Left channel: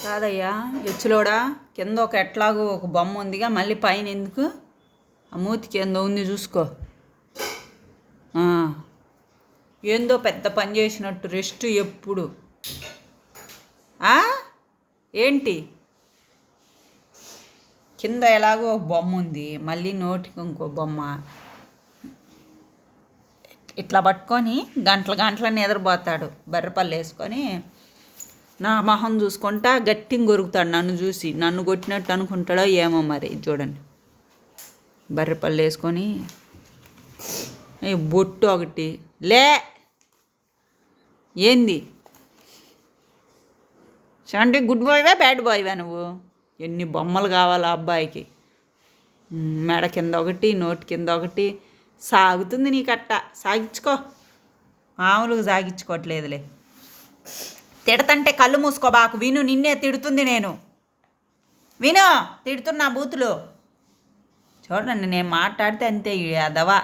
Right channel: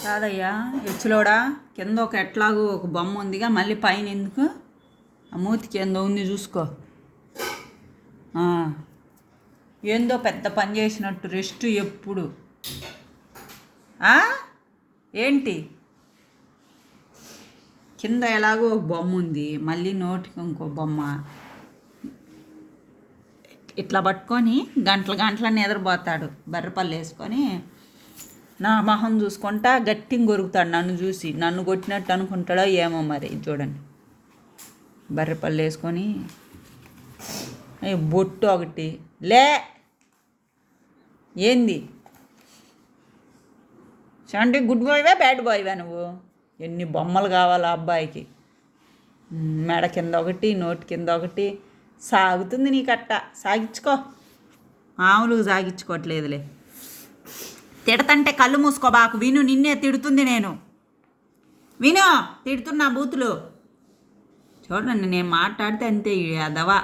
కాదయ్యా ఎచ్చులోడా కింద ఒక ఎట్లాగో ఒక బొమ్మ ఉందిగా మళ్ళీ పైన ఎందుకు ఆ మూతికి ఏందో ఉంది చూసుకో. ఏందో పెద్ద పని చేసినట్టు రెస్ట్ ఎప్పుడు ఏంటి కింద ఎలాగో ఒక బొమ్మ ఉంది మళ్ళీ నోటికి ఇంకో బొమ్మ ఇట్లా పట్టుకొని గంటల గంటల నిద్రపోతాడు బర్రెపల్లి వేసుకొని నా మొహం చూసుకుంటా గట్టిగా కొరుకుతాడు నన్ను చూసి నన్ను కొట్టినట్టు అనుకుంటాడో ఏమో మరి చూడండి బర్రెపల్లి వేసుకొని బొట్టు ఒకటి లే ఏంది అంటే గుడ్ బాయ్వా బ్యాడ్ బాయ్వా నువ్వు ఎన్ని బొమ్మలు కావాలా అబ్బాయికి మెడ కింద ఒకటి నోటి కింద ఒకటి సాగుతుంది నీకట్ట సాగించుకో మామూలుగా సాగించుకోవట్లేదులే తిడతంటే కళ్ళు మూసుకోబాకు విను నిన్నే తిడుతుంది నేను విను తిడుతున్నా బూతులు చూడండి నేను మాట్లాడితే అంతే అదవా